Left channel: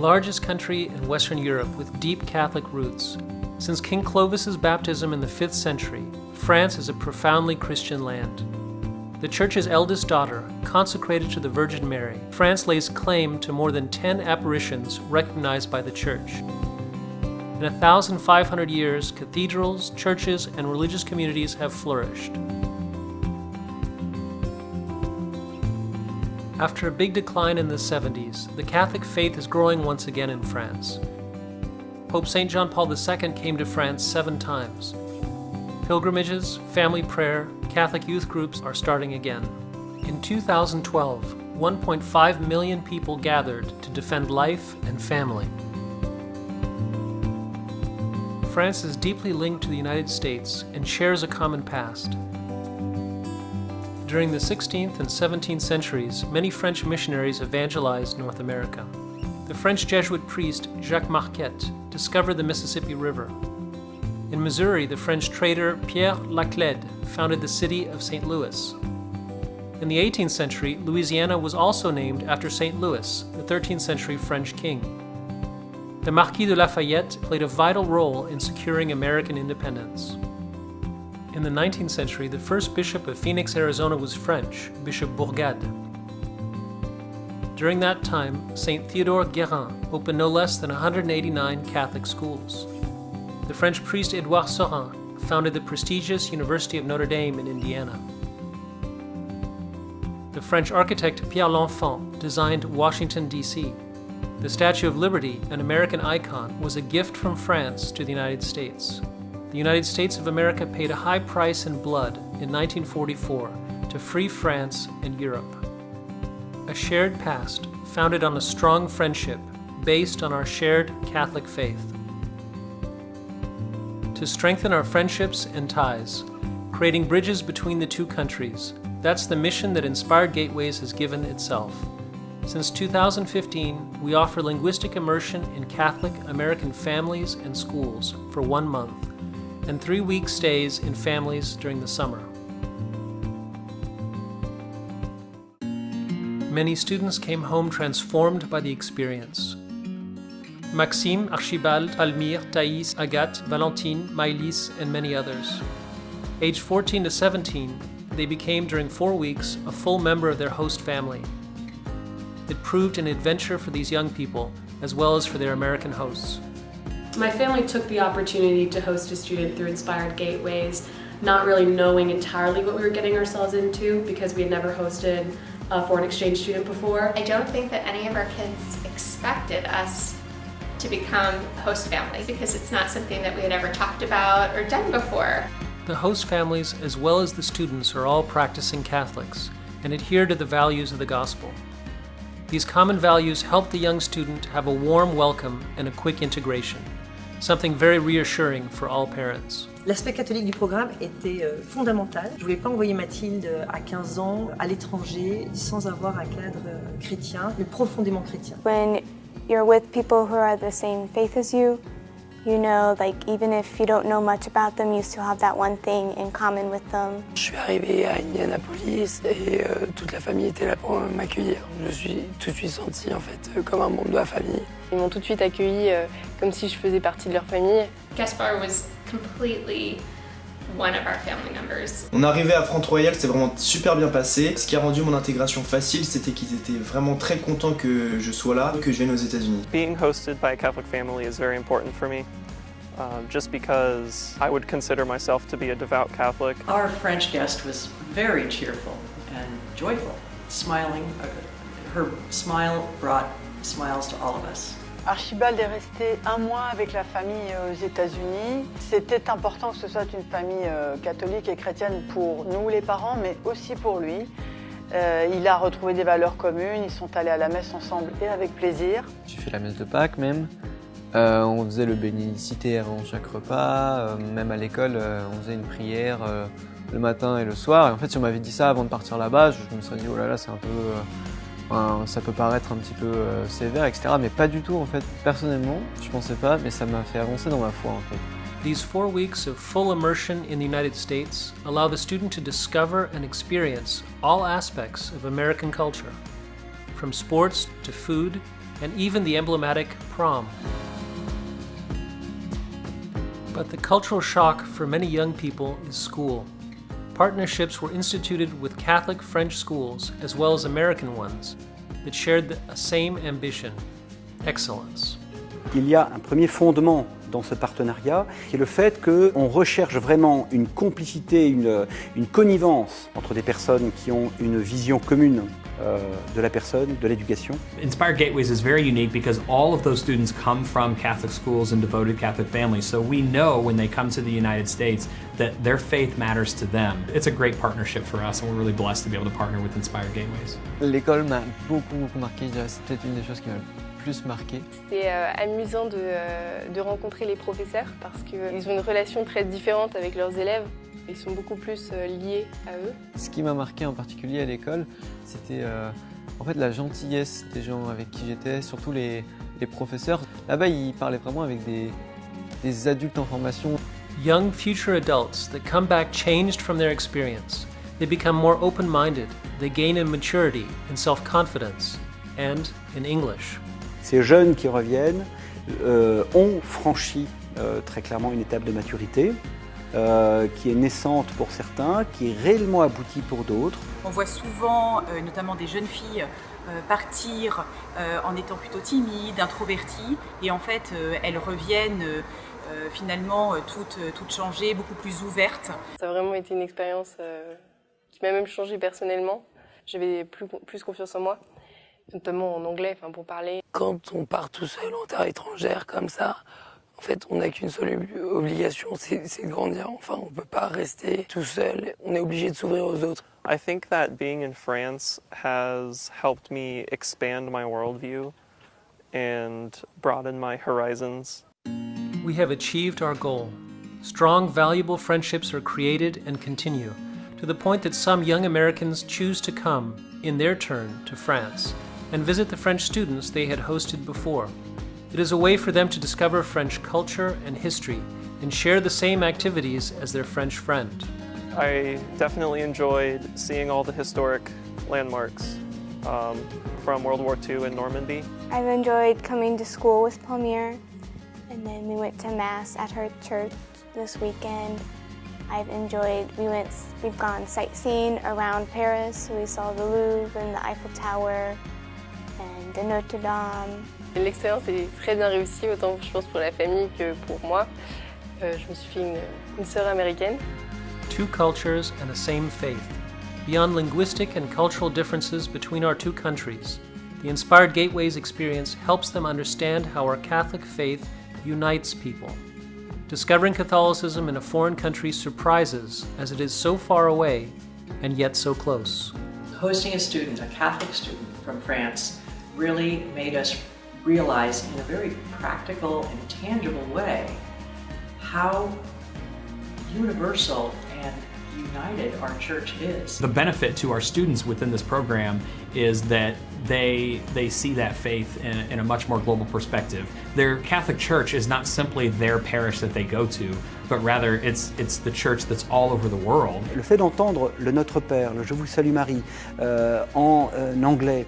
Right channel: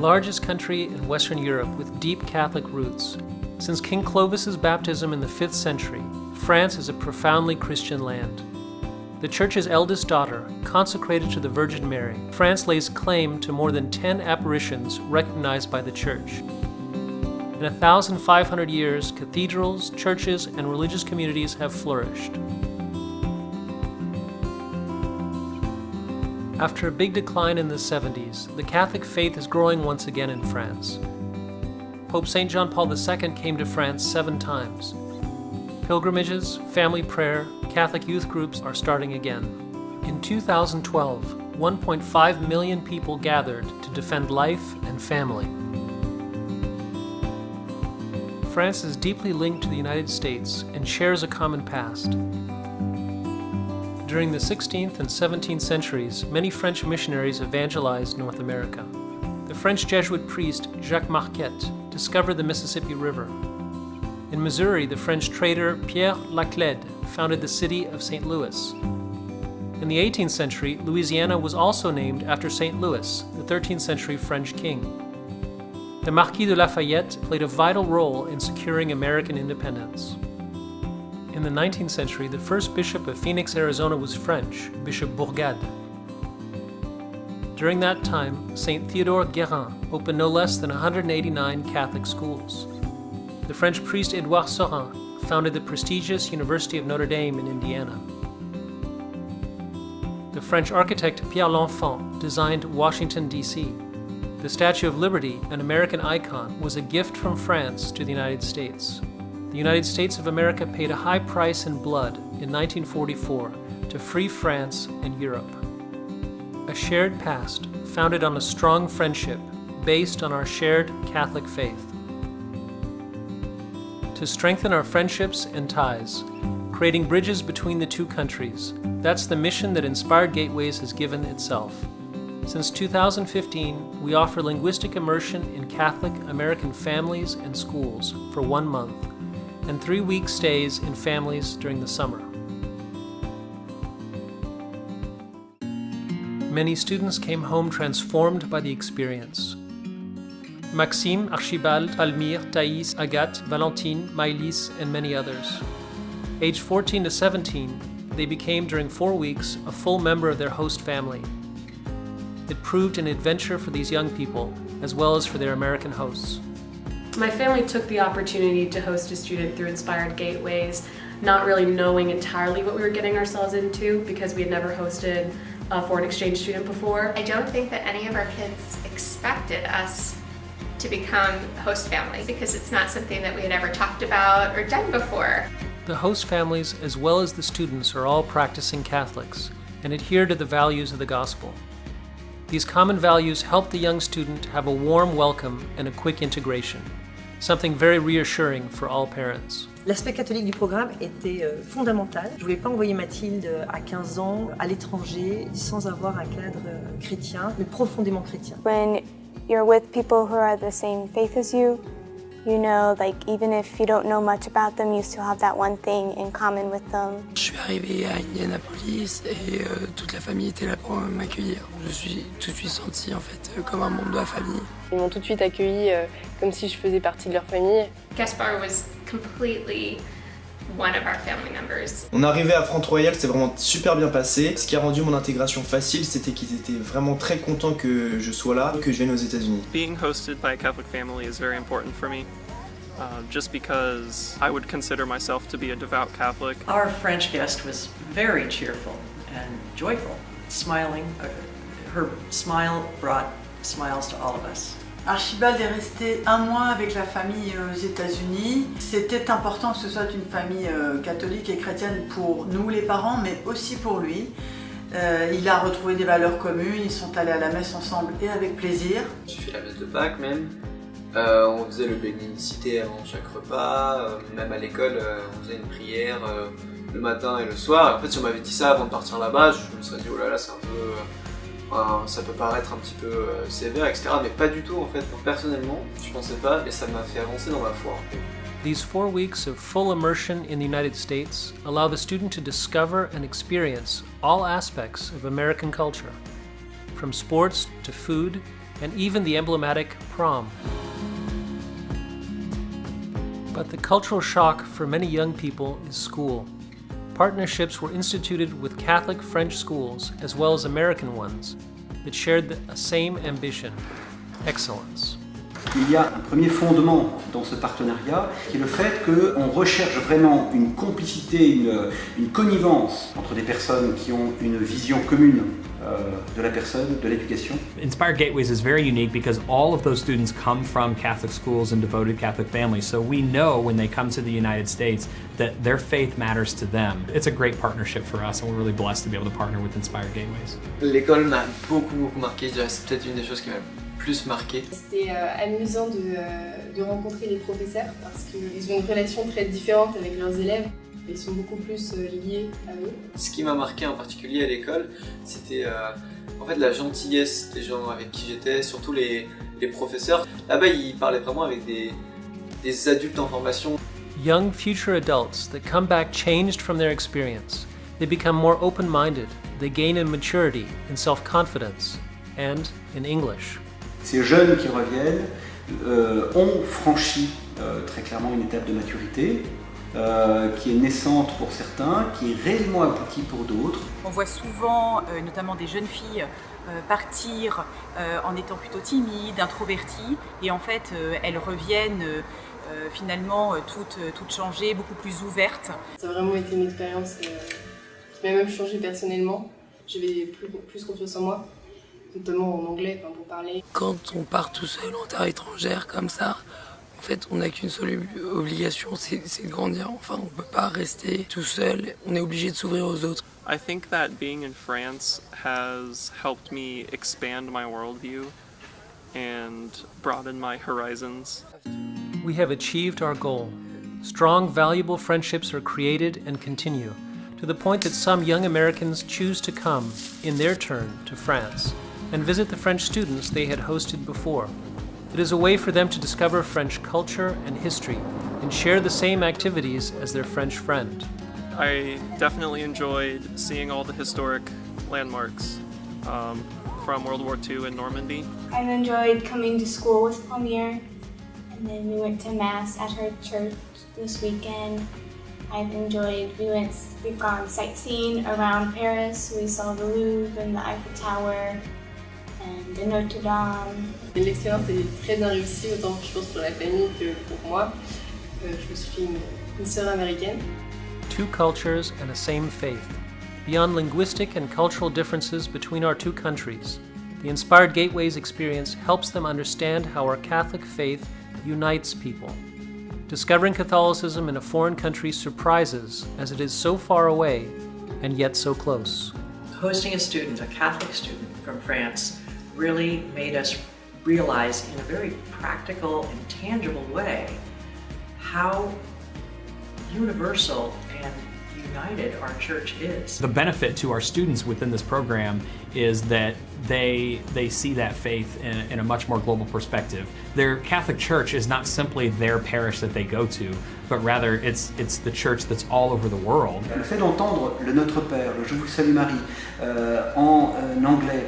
largest country in Western Europe with deep Catholic roots. Since King Clovis's baptism in the 5th century, France is a profoundly Christian land. The Church's eldest daughter, consecrated to the Virgin Mary, France lays claim to more than 10 apparitions recognized by the Church. In 1,500 years, cathedrals, churches, and religious communities have flourished. After a big decline in the 70s, the Catholic faith is growing once again in France. Pope St. John Paul II came to France 7 times. Pilgrimages, family prayer, Catholic youth groups are starting again. In 2012, 1.5 million people gathered to defend life and family. France is deeply linked to the United States and shares a common past. During the 16th and 17th centuries, many French missionaries evangelized North America. The French Jesuit priest Jacques Marquette discovered the Mississippi River. In Missouri, the French trader Pierre Laclede founded the city of St. Louis. In the 18th century, Louisiana was also named after St. Louis, the 13th century French king. The Marquis de Lafayette played a vital role in securing American independence. In the 19th century, the first bishop of Phoenix, Arizona was French, Bishop Bourgade. During that time, St. Theodore Guérin opened no less than 189 Catholic schools. The French priest Édouard Saurin founded the prestigious University of Notre Dame in Indiana. The French architect Pierre L'Enfant designed Washington, D.C. The Statue of Liberty, an American icon, was a gift from France to the United States. The United States of America paid a high price in blood in 1944 to free France and Europe. A shared past founded on a strong friendship based on our shared Catholic faith. To strengthen our friendships and ties, creating bridges between the two countries, that's the mission that Inspired Gateways has given itself. Since 2015, we offer linguistic immersion in Catholic American families and schools for 1 month, and 3-week stays in families during the summer. Many students came home transformed by the experience. Maxime, Archibald, Palmyre, Thaïs, Agathe, Valentine, Maëlys, and many others. Aged 14 to 17, they became during 4 weeks a full member of their host family. It proved an adventure for these young people, as well as for their American hosts. My family took the opportunity to host a student through Inspired Gateways, not really knowing entirely what we were getting ourselves into because we had never hosted a foreign exchange student before. I don't think that any of our kids expected us to become host families because it's not something that we had ever talked about or done before. The host families, as well as the students, are all practicing Catholics and adhere to the values of the gospel. These common values help the young student have a warm welcome and a quick integration, something very reassuring for all parents. L'aspect catholique du programme était fondamental. Je ne voulais pas envoyer Mathilde à 15 ans à l'étranger sans avoir un cadre chrétien, mais profondément chrétien. When you're with people who are the same faith as you, you know, like even if you don't know much about them, you still have that one thing in common with them. Je suis arrivé à Indianapolis et toute la famille était là pour m'accueillir. Je me suis tout de suite senti en fait comme un membre de la famille. Ils m'ont tout de suite accueilli comme si je faisais partie de leur famille. Gaspard was completely one of our family members. On est arrivé à Front-Royal, c'était vraiment super bien passé. Ce qui a rendu mon intégration facile, c'était qu'ils étaient vraiment très contents que je sois là, que je vienne aux États-Unis. Being hosted by a Catholic family is very important for me, just because I would consider myself to be a devout Catholic. Our French guest was very cheerful and joyful, smiling. Her smile brought smiles to all of us. Archibald est resté 1 mois avec la famille aux États-Unis. C'était important que ce soit une famille catholique et chrétienne pour nous les parents, mais aussi pour lui. Il a retrouvé des valeurs communes, ils sont allés à la messe ensemble et avec plaisir. J'ai fait la messe de Pâques même. On faisait le bénédicité avant chaque repas. Même à l'école, on faisait une prière le matin et le soir. Et en fait, si on m'avait dit ça avant de partir là-bas, je me serais dit oh là là, c'est un peu... ça peut paraître un petit peu sévère, etc. Mais pas du tout en fait. Personnellement, je pensais pas, mais ça m'a fait avancer dans ma foi en fait. These 4 weeks of full immersion in the United States allow the student to discover and experience all aspects of American culture, from sports to food, and even the emblematic prom. But the cultural shock for many young people is school. Partnerships were instituted with Catholic French schools as well as American ones that shared the same ambition, excellence. Il y a un premier fondement dans ce partenariat qui est le fait qu'on recherche vraiment une complicité, une connivence entre des personnes qui ont une vision commune de la personne, de l'éducation. Inspired Gateways is very unique because all of those students come from Catholic schools and devoted Catholic families, so we know when they come to the United States that their faith matters to them. It's a great partnership for us and we're really blessed to be able to partner with Inspired Gateways. L'école m'a beaucoup marqué, je dirais c'est peut-être une des choses qui m'a plus marqué. C'était amusant de rencontrer les professeurs parce qu'ils ont une relation très différente avec leurs élèves. Ils sont beaucoup plus liés à eux. Ce qui m'a marqué en particulier à l'école, c'était en fait la gentillesse des gens avec qui j'étais, surtout les professeurs. Là-bas, ils parlaient vraiment avec des adultes en formation. Young future adults that come back changed from their experience. They become more open-minded. They gain in maturity, in self-confidence, and in English. Ces jeunes qui reviennent ont franchi très clairement une étape de maturité qui est naissante pour certains, qui est réellement aboutie pour d'autres. On voit souvent, notamment des jeunes filles, partir en étant plutôt timides, introverties, et en fait elles reviennent finalement toutes changées, beaucoup plus ouvertes. Ça a vraiment été une expérience qui m'a même changé personnellement. J'avais plus confiance en moi, notamment en anglais pour parler. Quand on part tout seul en terre étrangère comme ça, en fait, on n'a qu'une seule obligation, c'est de grandir. Enfin, on ne peut pas rester tout seul, on est obligé de s'ouvrir aux autres. I think that being in France has helped me expand my worldview and broaden my horizons. We have achieved our goal. Strong, valuable friendships are created and continue, to the point that some young Americans choose to come, in their turn, to France, and visit the French students they had hosted before. It is a way for them to discover French culture and history and share the same activities as their French friend. I definitely enjoyed seeing all the historic landmarks from World War II in Normandy. I've enjoyed coming to school with Palmier, and then we went to Mass at her church this weekend. We've gone sightseeing around Paris. We saw the Louvre and the Eiffel Tower and the Notre Dame. L'expérience est très bien réussie, autant je pense pour la famille que pour moi. Je me suis fait une sœur américaine. Two cultures and a same faith. Beyond linguistic and cultural differences between our two countries, the Inspired Gateways experience helps them understand how our Catholic faith unites people. Discovering Catholicism in a foreign country surprises, as it is so far away and yet so close. Hosting a student, a Catholic student from France, really made us realize in a very practical and tangible way how universal and united our church is. The benefit to our students within this program is that they see that faith in a much more global perspective. Their Catholic church is not simply their parish that they go to, but rather it's the church that's all over the world. Le fait d'entendre le Notre Père, le Je vous salue Marie en anglais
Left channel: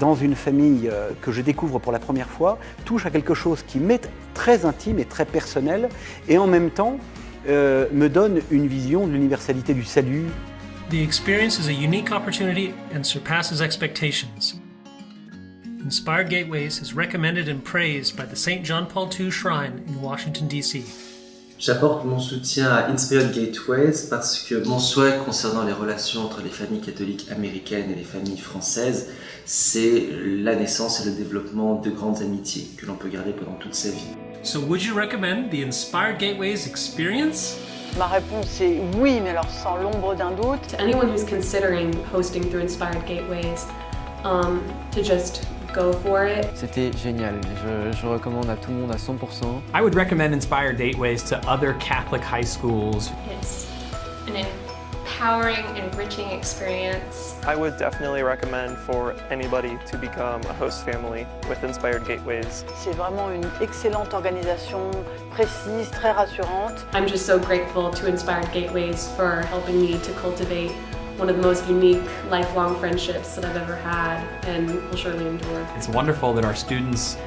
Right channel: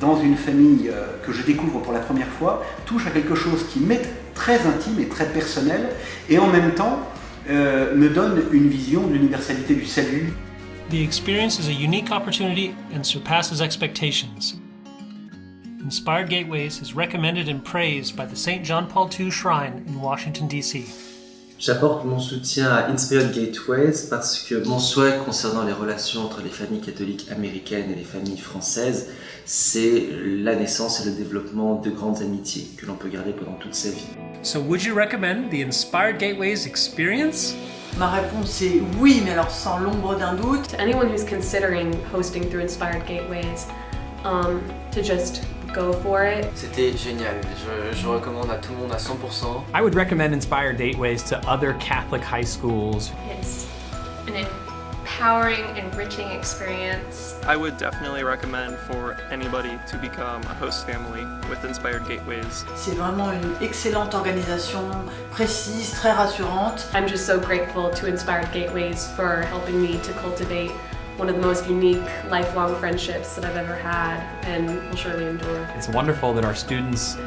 dans une famille que je découvre pour la première fois touche à quelque chose qui m'est très intime et très personnel et en même temps me donne une vision de l'universalité du salut. The experience is a unique opportunity and surpasses expectations. Inspired Gateways is recommended and praised by the St. John Paul II Shrine in Washington, D.C. J'apporte mon soutien à Inspired Gateways parce que mon souhait concernant les relations entre les familles catholiques américaines et les familles françaises, c'est la naissance et le développement de grandes amitiés que l'on peut garder pendant toute sa vie. So would you recommend the Inspired Gateways experience? Ma réponse est oui, mais alors sans l'ombre d'un doute. To anyone who's considering hosting through Inspired Gateways, to just go for it. C'était génial. Je recommande à tout le monde à 100%. I would recommend Inspired Gateways to other Catholic high schools. It's an empowering, enriching experience. I would definitely recommend for anybody to become a host family with Inspired Gateways. C'est vraiment une excellente organisation, précise, très rassurante. I'm just so grateful to Inspired Gateways for helping me to cultivate one of the most unique lifelong friendships that I've ever had and will surely endure. It's wonderful that our students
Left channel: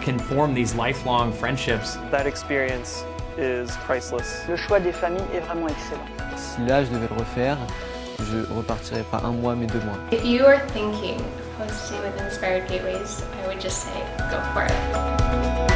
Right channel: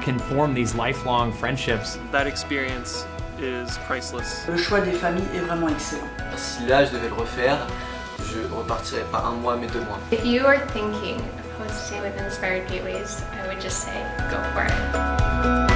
can form these lifelong friendships. That experience is priceless. Le choix des familles est vraiment excellent. Si là, je devais le refaire, je repartirais pas 1 mois, mais 2 mois. If you are thinking of hosting with Inspired Gateways, I would just say go for it.